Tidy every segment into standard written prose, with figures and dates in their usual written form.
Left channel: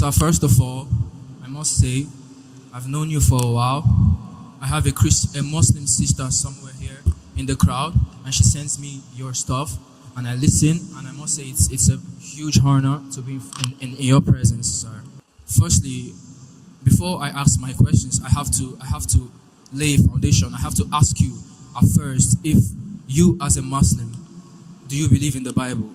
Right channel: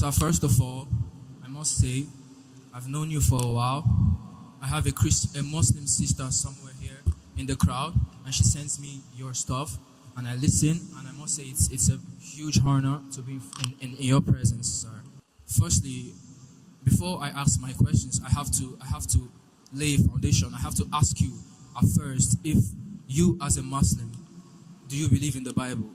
So first of all, I must say, I've known you for a while. I have a Muslim sister somewhere here in the crowd, and she sends me your stuff, and I listen, and I must say it's a huge honor to be in your presence, sir. Firstly, before I ask my questions, I have to lay a foundation. I have to ask you at first, if you as a Muslim, do you believe in the Bible?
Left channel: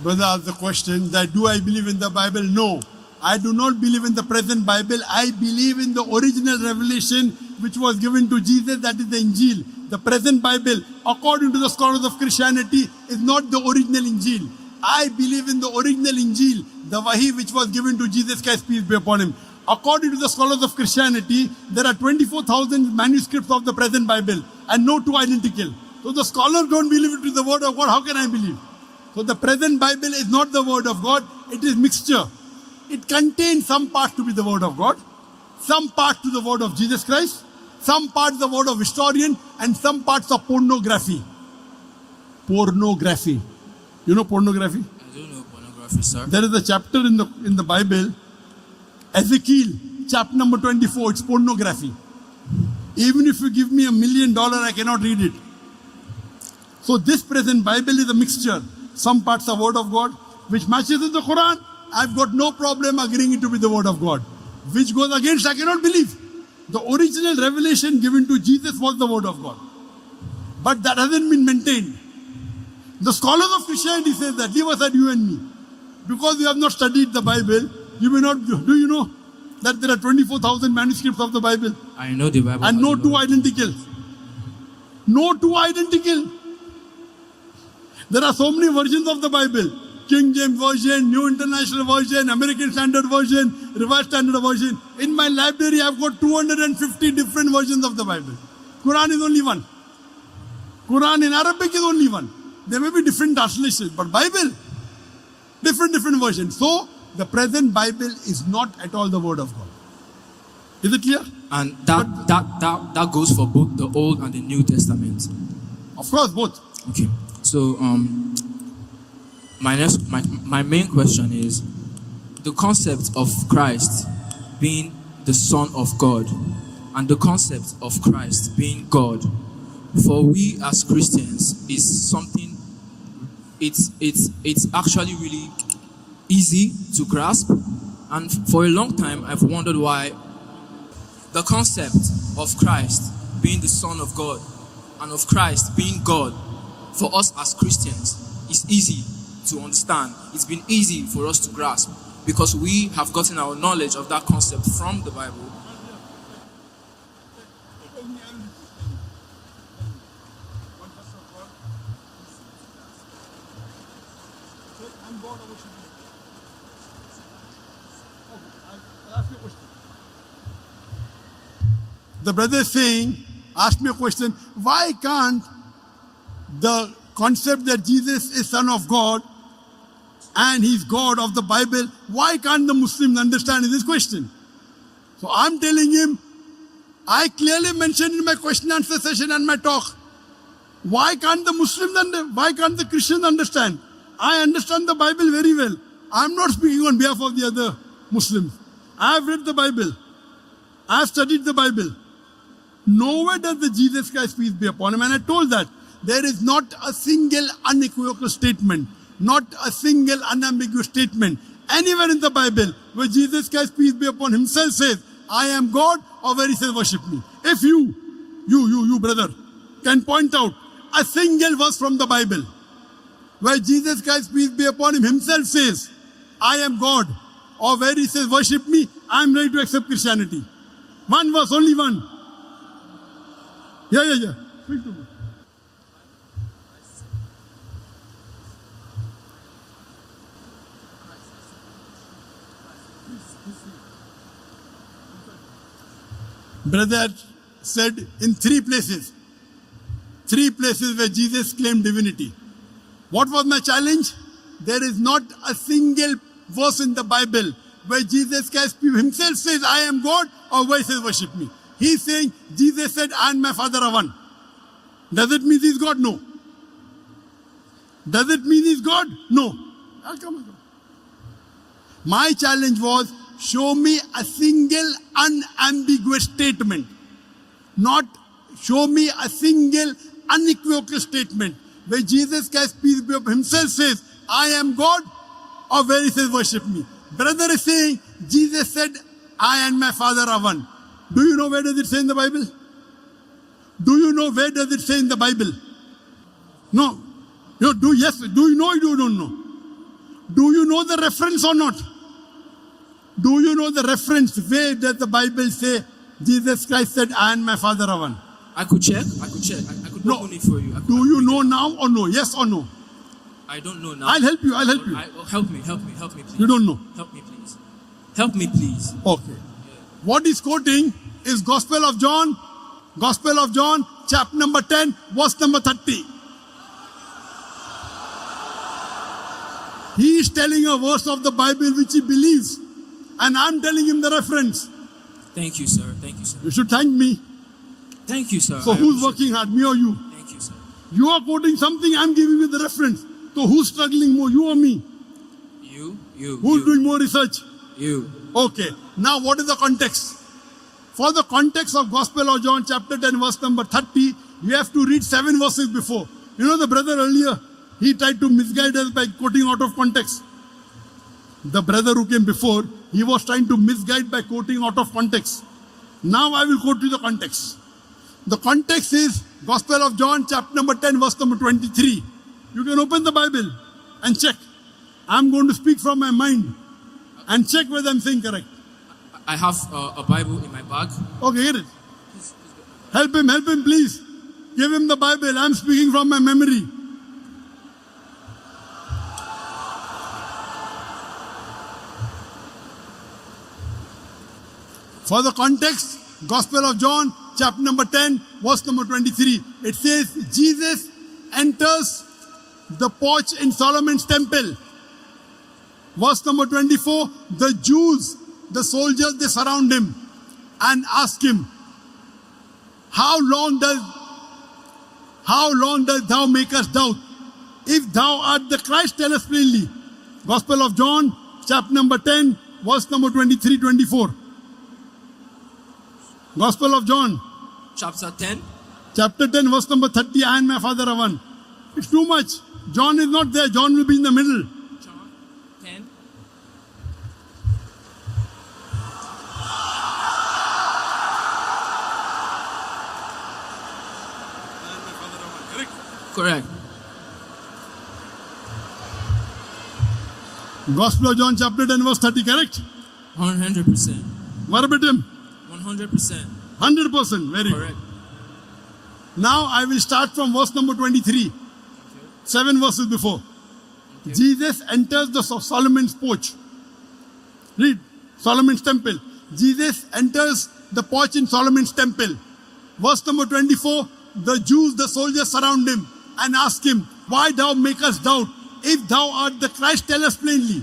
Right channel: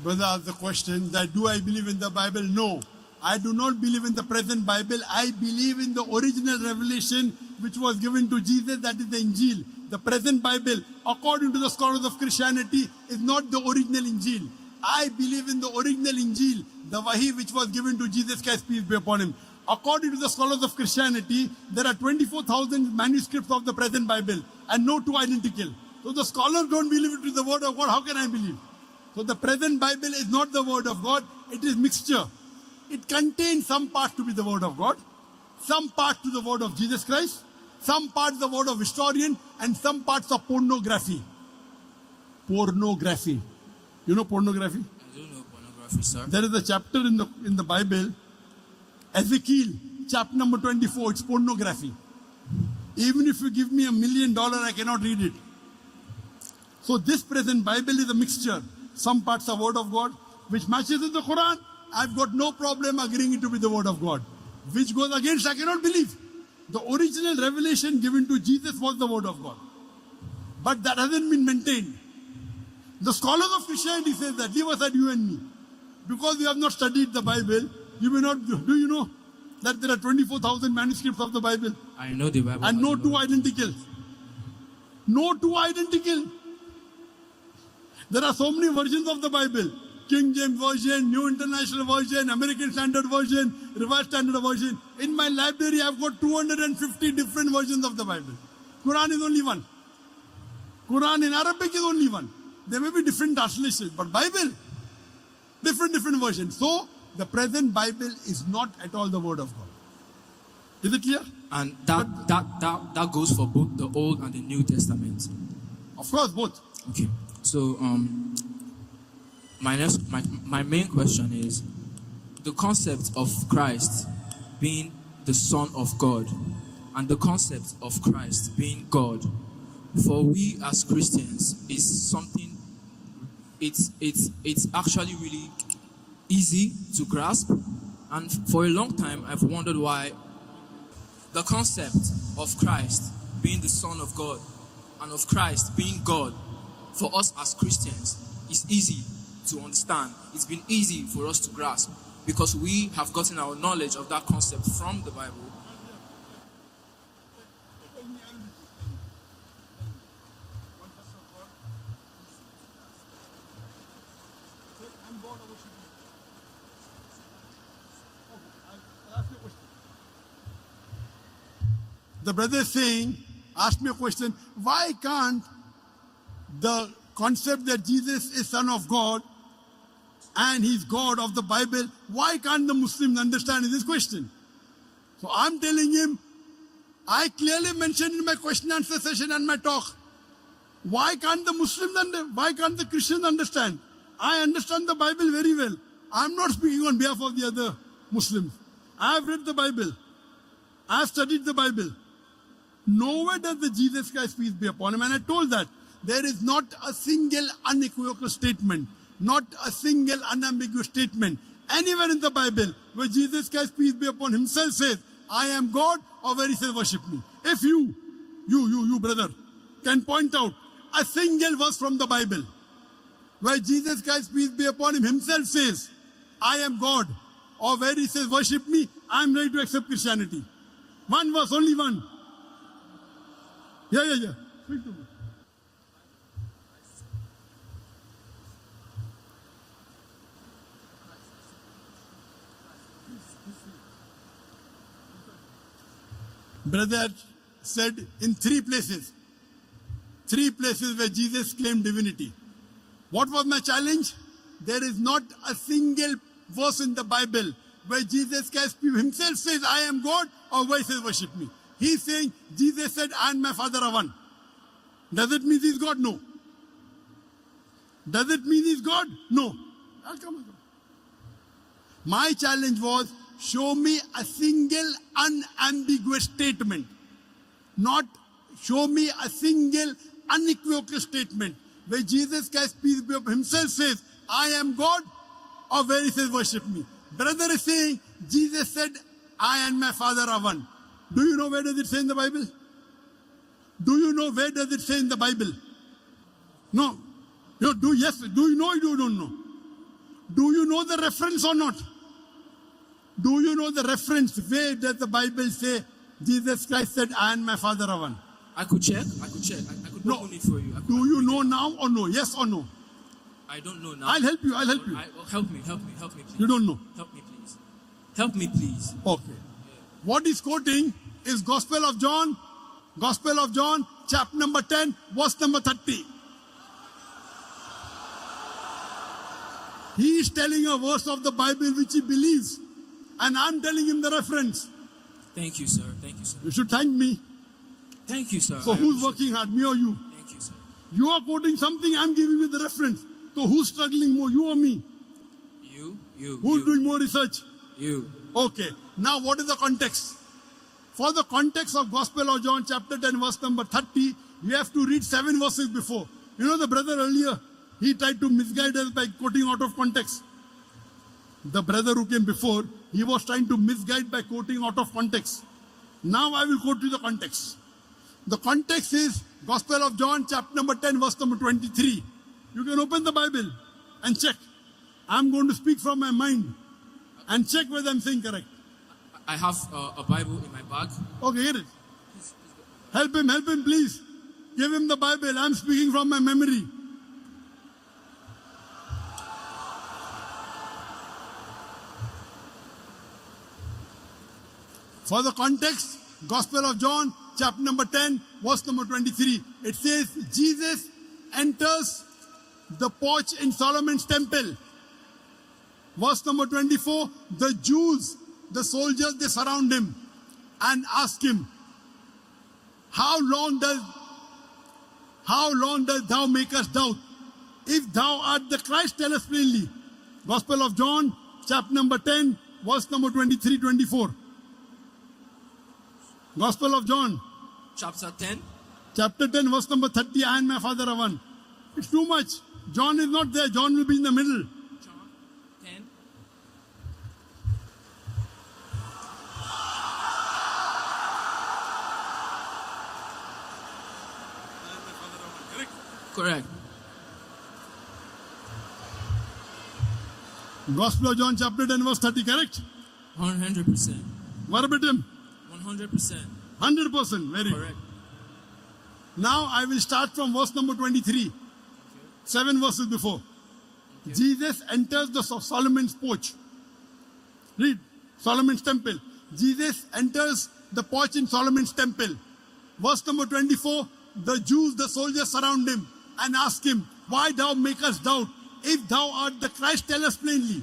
Brother asked the question that do I believe in the Bible? No. I do not believe in the present Bible. I believe in the original revelation which was given to Jesus, that is the Injil. The present Bible, according to the scholars of Christianity, is not the original Injil. I believe in the original Injil, the Wahi which was given to Jesus Christ, peace be upon him. According to the scholars of Christianity, there are 24,000 manuscripts of the present Bible and no two identical. So the scholars don't believe it is the word of God. How can I believe? So the present Bible is not the word of God. It is mixture. It contains some parts to be the word of God, some parts to the word of Jesus Christ, some parts the word of historian, and some parts of pornography. Pornography. You know pornography? I don't know pornography, sir. There is a chapter in the Bible, Ezekiel, chapter number 24. It's pornography. Even if you give me $1 million, I cannot read it. So this present Bible is a mixture. Some parts are word of God, which matches with the Quran. I've got no problem agreeing it to be the word of God. Which goes against, I cannot believe. The original revelation given to Jesus was the word of God. But that hasn't been maintained. The scholars of Christianity say that, leave aside you and me. Because you have not studied the Bible, you may not, do you know that there are 24,000 manuscripts of the Bible? I know the Bible. And no two identical. No two identical. There are so many versions of the Bible. King James Version, New International Version, American Standard Version, Revised Standard Version. In my library, I've got 250 different versions of the Bible. Quran is only one. Quran in Arabic is only one. There may be different translations, but Bible, different versions. So, the present Bible is not at all the word of God. Is it clear? And that goes for both the Old and the New Testament. Of course, both. Okay. So, my main question is the concept of Christ being the Son of God and the concept of Christ being God, for we as Christians, is something, it's actually really easy to grasp, and for a long time I've wondered why the concept of Christ being the Son of God and of Christ being God for us as Christians is easy to understand. It's been easy for us to grasp because we have gotten our knowledge of that concept from the Bible. The brother is saying, ask me a question, why can't the concept that Jesus is Son of God and He's God of the Bible, why can't the Muslims understand this question? So I'm telling him, I clearly mentioned in my question answer session and my talk, why can't the Muslims understand? Why can't the Christians understand? I understand the Bible very well. I'm not speaking on behalf of the other Muslims. I've read the Bible. I've studied the Bible. Nowhere does the Jesus Christ, peace be upon him, and I told that there is not a single unequivocal statement, not a single unambiguous statement anywhere in the Bible where Jesus Christ, peace be upon himself, says, I am God, or where he says, worship me. If you brother, can point out a single verse from the Bible where Jesus Christ, peace be upon him, himself says, I am God, or where he says, worship me, I am ready to accept Christianity. One verse, only one. Yeah. Speak to me. Brother said in three places where Jesus claimed divinity. What was my challenge? There is not a single verse in the Bible where Jesus Christ himself says, I am God, or where he says, worship me. He's saying, Jesus said, I and my Father are one. Does it mean he's God? No. Does it mean he's God? No. Come on. My challenge was, show me a single unambiguous statement. Not show me a single unequivocal statement where Jesus Christ, peace be upon him, himself says, I am God, or where he says, worship me. Brother is saying, Jesus said, I and my Father are one. Do you know where does it say in the Bible? Do you know where does it say in the Bible? No. You do, yes. Do you know or you don't know? Do you know the reference or not? Do you know the reference? Where does the Bible say Jesus Christ said, I and my Father are one? I could check. I could No. open it for you. Do you know now or no? Yes or no? I don't know now. I'll help you. Help me, please. You don't know? Help me, please. Help me, please. Okay. What he's quoting is Gospel of John, chapter number 10, verse number 30. He is telling a verse of the Bible which he believes, and I'm telling him the reference. Thank you, sir. Thank you, sir. You should thank me. Thank you, sir. So who's working hard, me or you? Thank you, sir. You are quoting something, I'm giving you the reference. So who's struggling more, you or me? Who's doing more research? You. Okay. Now what is the context? For the context of Gospel of John chapter 10 verse number 30, you have to read 7 verses before. You know the brother earlier, he tried to misguide us by quoting out of context. The brother who came before, he was trying to misguide by quoting out of context. Now I will quote you the context. The context is Gospel of John chapter number 10 verse number 23. You can open the Bible and check. I'm going to speak from my mind and check whether I'm saying correct. I have a Bible in my bag. Okay, get it. Help him, please. Give him the Bible. I'm speaking from my memory. For the context, Gospel of John, chapter number 10, verse number 23. It says, Jesus enters the porch in Solomon's temple. Verse number 24, the Jews, the soldiers, they surround him and ask him, How long does thou make us doubt? If thou art the Christ, tell us plainly. Gospel of John, chapter number 10, verse number 23, 24. Gospel of John. Chapter 10. Chapter 10, verse number 30, I and my Father are one. It's too much. John is not there. John will be in the middle. John 10. Correct. Gospel of John, chapter 10, verse 30, correct? 100%. Verbatim. 100%. 100%. Very Correct. good. Now I will start from verse number 23. Okay. 7 verses before. Okay. Jesus enters the Solomon's porch. Read. Solomon's temple. Jesus enters the porch in Solomon's temple. Verse number 24. The Jews, the soldiers surround him and ask him, Why thou make us doubt? If thou art the Christ, tell us plainly.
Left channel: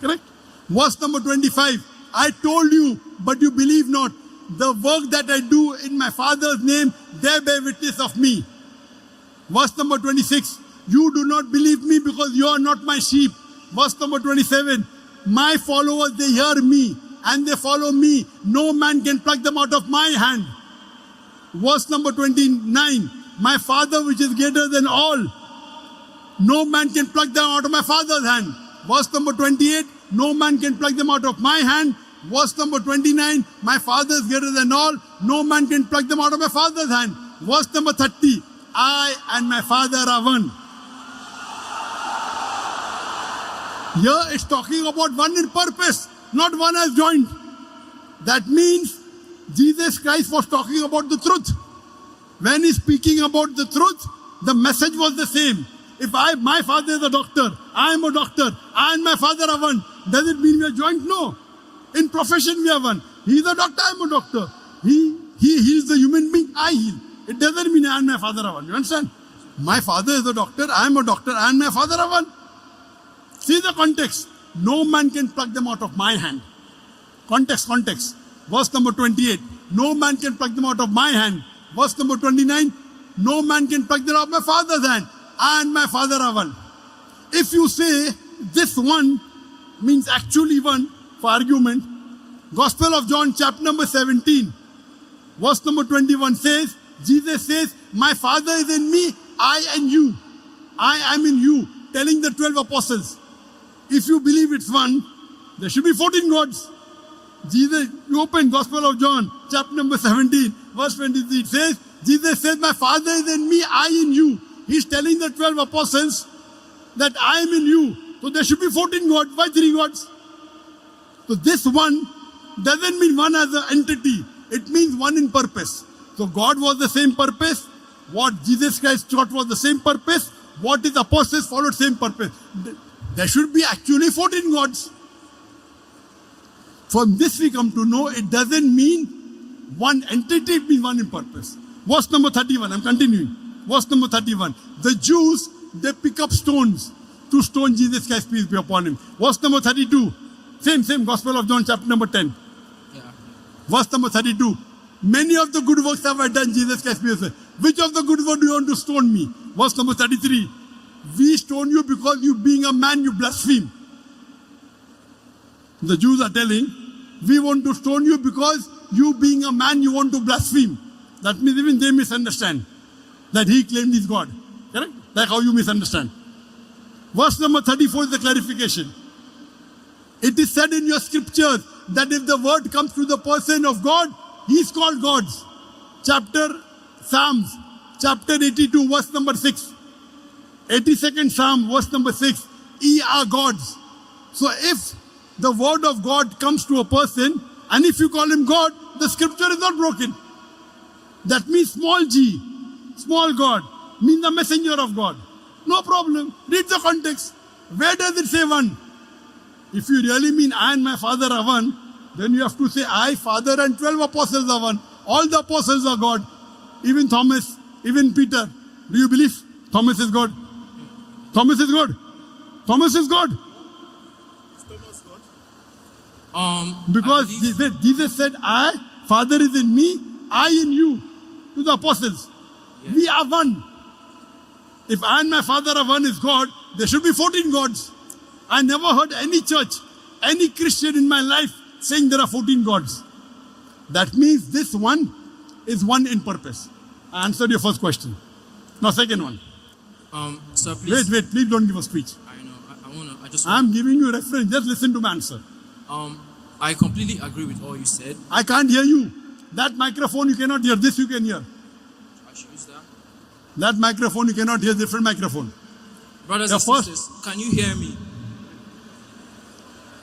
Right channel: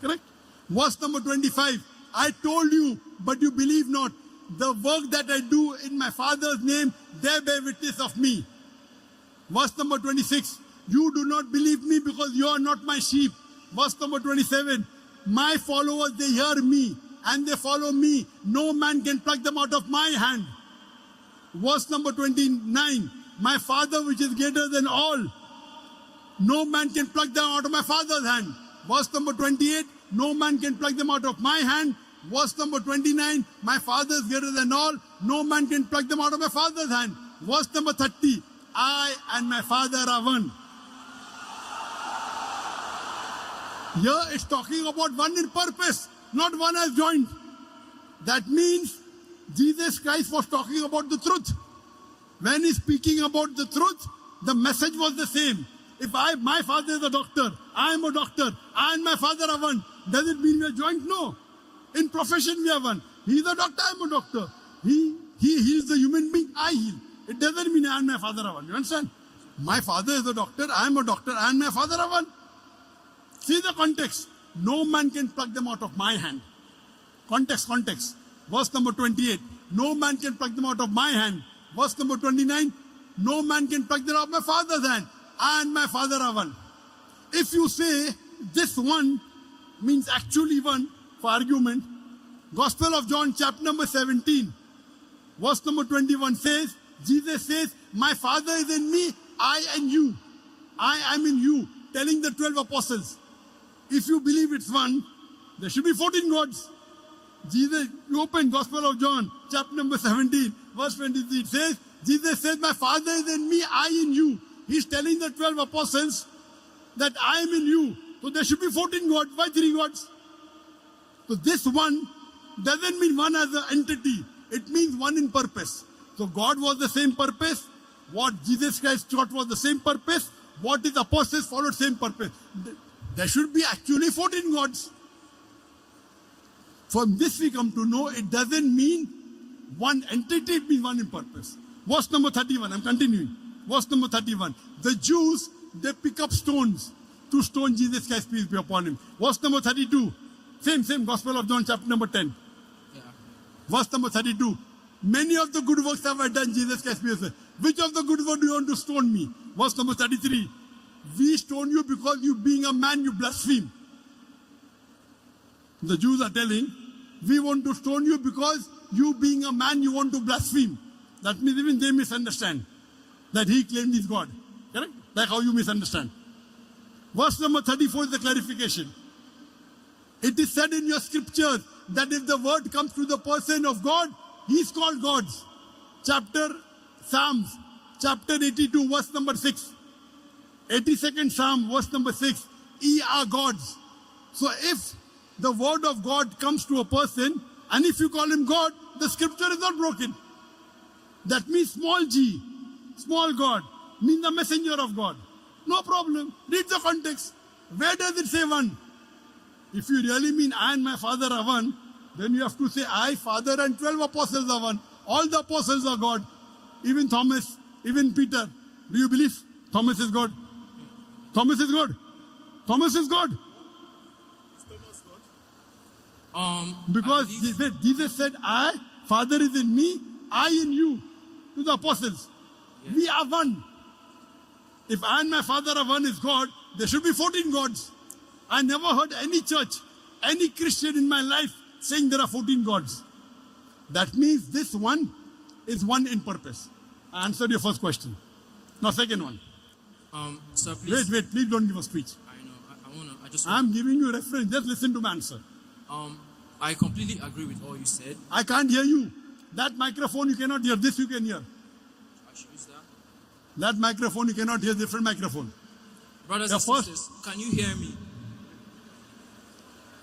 Correct? Verse number 25. I told you, but you believe not. The work that I do in my Father's name, they bear witness of me. Verse number 26. You do not believe me because you are not my sheep. Verse number 27. My followers, they hear me and they follow me. No man can pluck them out of my hand. Verse number 29. My Father which is greater than all. No man can pluck them out of my Father's hand. Verse number 28. No man can pluck them out of my hand. Verse number 29, my Father is greater than all. No man can pluck them out of my Father's hand. Verse number 30, I and my Father are one. Here it's talking about one in purpose, not one as joined. That means Jesus Christ was talking about the truth. When he's speaking about the truth, the message was the same. If my Father is a doctor, I am a doctor, I and my Father are one, does it mean we are joined? No. In profession we are one. He is a doctor, I am a doctor. He heals the human being, I heal. It doesn't mean I and my Father are one. You understand? My Father is a doctor, I am a doctor, I and my Father are one. See the context. No man can pluck them out of my hand. Context. Verse number 28. No man can pluck them out of my hand. Verse number 29. No man can pluck them out of my Father's hand. I and my Father are one. If you say this one means actually one for argument. Gospel of John, chapter number 17, verse number 21 says, Jesus says, my Father is in me, I and you. I am in you, telling the 12 apostles. If you believe it's one, there should be 14 gods. Jesus, you open Gospel of John, chapter number 17, verse 23. It says, Jesus says, my Father is in me, I in you. He's telling the 12 apostles that I am in you. So there should be 14 gods. Why 3 gods? So this one doesn't mean one as an entity. It means one in purpose. So God was the same purpose. What Jesus Christ taught was the same purpose. What his apostles followed same purpose. There should be actually 14 gods. From this we come to know it doesn't mean one entity, it means one in purpose. Verse number 31, I'm continuing. Verse number 31. The Jews, they pick up stones to stone Jesus Christ, peace be upon him. Verse number 32. Same Gospel of John, chapter number 10. Yeah. Verse number 32. Many of the good works have I done, Jesus Christ, peace be upon him. Which of the good works do you want to stone me? Verse number 33. We stone you because you being a man, you blaspheme. The Jews are telling, we want to stone you because you being a man, you want to blaspheme. That means even they misunderstand that he claimed he's God. Correct? Like how you misunderstand. Verse number 34 is the clarification. It is said in your scriptures that if the word comes through the person of God, he is called gods. Psalms, chapter 82, verse number 6. 82nd Psalm, verse number 6. Ye are gods. So if the word of God comes to a person, and if you call him God, the scripture is not broken. That means small g, small God, means the messenger of God. No problem. Read the context. Where does it say one? If you really mean I and my Father are one, then you have to say I, Father, and 12 apostles are one. All the apostles are God. Even Thomas, even Peter. Do you believe Thomas is God? Thomas is God. Thomas is God. Because Jesus said, I, Father is in me, I in you, to the apostles. Yeah. We are one. If I and my Father are one is God, there should be 14 gods. I never heard any church, any Christian in my life saying there are 14 gods. That means this one is one in purpose. I answered your first question. Now second one. Sir, please. Wait, please don't give a speech. I know. I'm giving you a reference. Just listen to my answer. I completely agree with all you said. I can't hear you. That microphone you cannot hear. This you can hear. I should use that. That microphone you cannot hear. Different microphone. Brothers and sisters, can you hear me?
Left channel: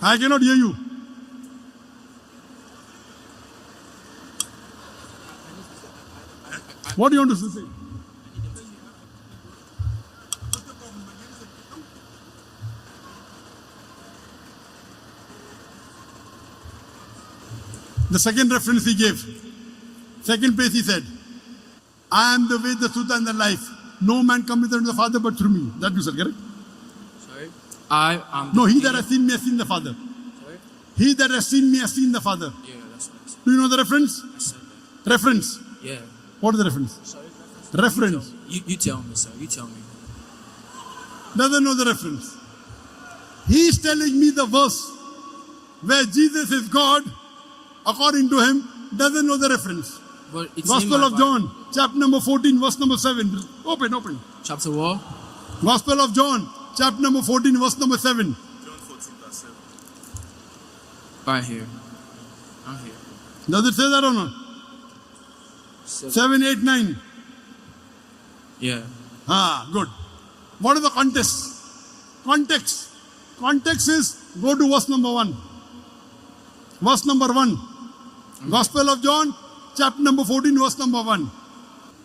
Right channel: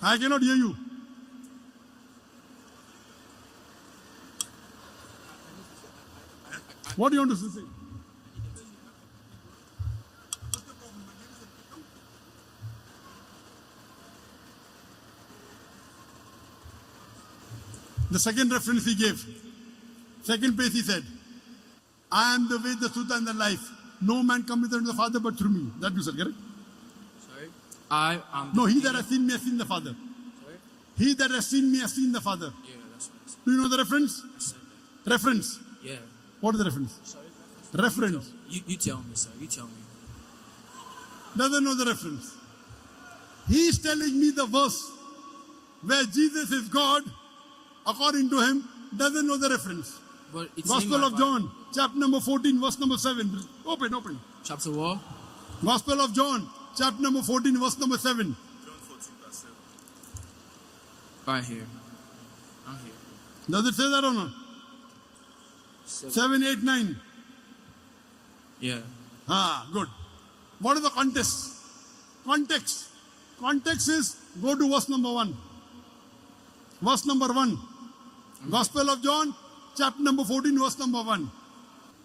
I cannot hear you. What do you want to say? The second reference he gave, second place he said, I am the way, the truth, and the life. No man cometh unto the Father but through me. That you said, correct? Sorry? I am. No, he that has seen me has seen the Father. Sorry? He that has seen me has seen the Father. Yeah, that's nice. Do you know the reference? I said that. Reference. Yeah. What is the reference? Sorry? Reference. You tell me, sir. You tell me. Doesn't know the reference. He is telling me the verse where Jesus is God, according to him, doesn't know the reference. But it's Gospel of John, chapter number 14, verse number 7. Open. Chapter what? Gospel of John, chapter number 14, verse number 7. John 14, verse 7. Right here. I'm here. Does it say that or not? 7, 8, 9. Yeah. Good. What is the context? Context is, go to verse number 1. Verse number 1. Gospel of John, chapter number 14, verse number 1.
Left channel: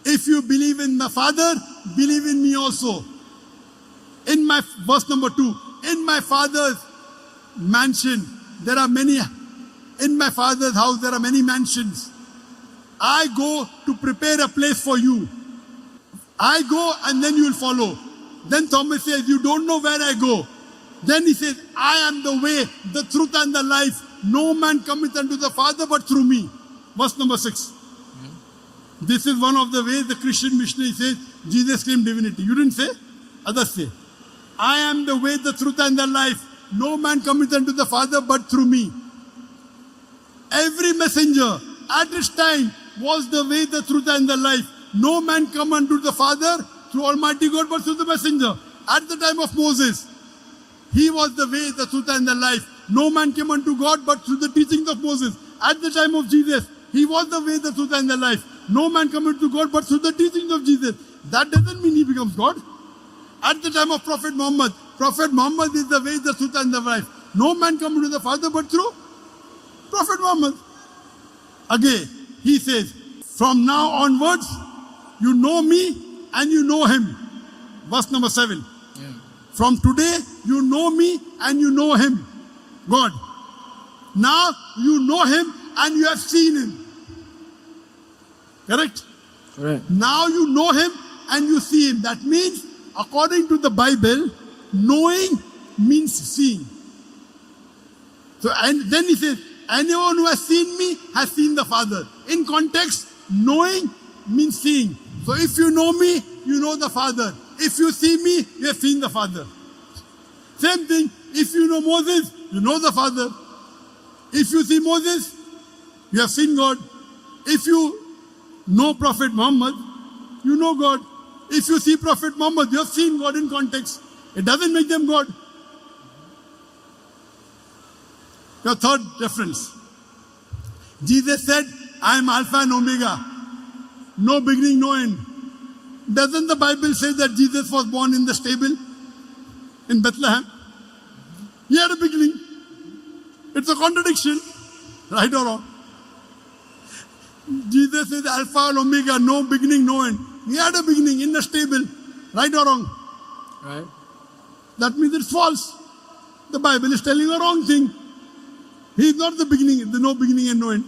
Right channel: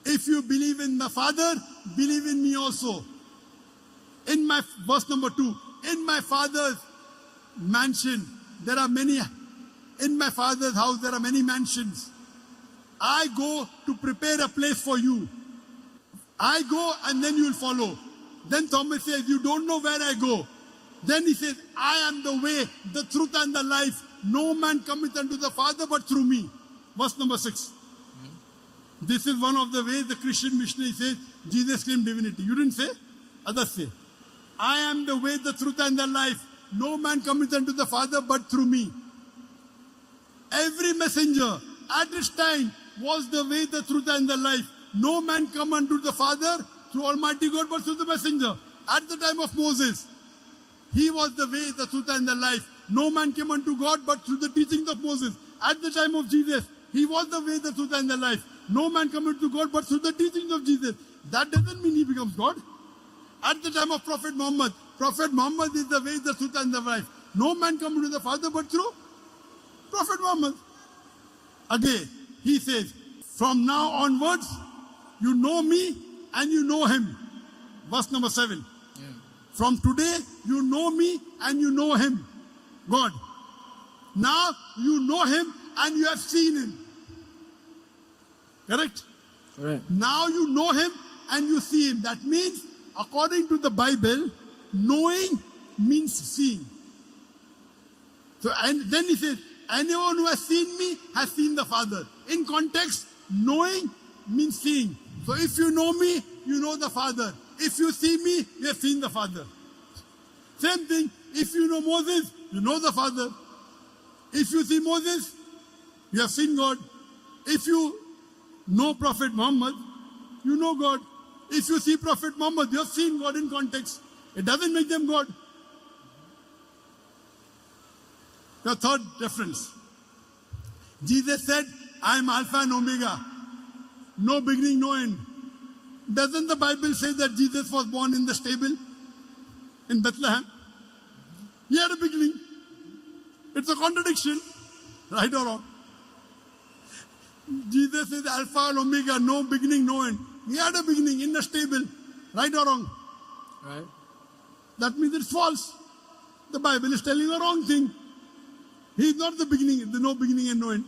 If you believe in the Father, believe in me also. In my, verse number 2. In my Father's mansion, there are many, in my Father's house, there are many mansions. I go to prepare a place for you. I go and then you will follow. Then Thomas says, you don't know where I go. Then he says, I am the way, the truth and the life. No man cometh unto the Father but through me. Verse number 6. This is one of the ways the Christian missionary says Jesus claimed divinity. You didn't say? Others say. I am the way, the truth and the life. no man cometh unto the Father but through me. Every messenger at his time was the way, the truth, and the life. No man come unto the Father through Almighty God but through the messenger. At the time of Moses, he was the way, the truth, and the life. No man came unto God but through the teachings of Moses. At the time of Jesus, he was the way, the truth, and the life. No man come unto God but through the teachings of Jesus. That doesn't mean he becomes God. At the time of Prophet Muhammad is the way, the truth, and the life. No man come to the Father but through Prophet Muhammad. Again, he says, from now onwards, you know me and you know him. Verse number 7. Yeah. From today, you know me and you know him. God. Now, you know him and you have seen him. Correct? Correct. Now you know him and you see him. That means, according to the Bible, knowing means seeing. So, and then he says, anyone who has seen me has seen the Father. In context, knowing means seeing. So if you know me, you know the Father. If you see me, you have seen the Father. Same thing, if you know Moses, you know the Father. If you see Moses, you have seen God. If you know Prophet Muhammad, you know God. If you see Prophet Muhammad, you have seen God in context. It doesn't make them God. The third difference. Jesus said, I am Alpha and Omega. No beginning, no end. Doesn't the Bible say that Jesus was born in the stable in Bethlehem? He had a beginning. It's a contradiction. Right or wrong? Jesus is Alpha and Omega, no beginning, no end. He had a beginning in the stable. Right or wrong? Right. That means it's false. The Bible is telling the wrong thing. He is not the beginning, the no beginning and no end.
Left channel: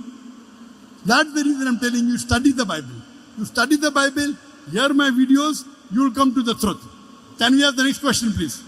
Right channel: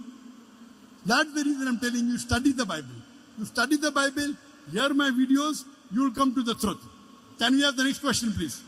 That's the reason I'm telling you, study the Bible. You study the Bible, hear my videos, you will come to the truth. Can we have the next question, please?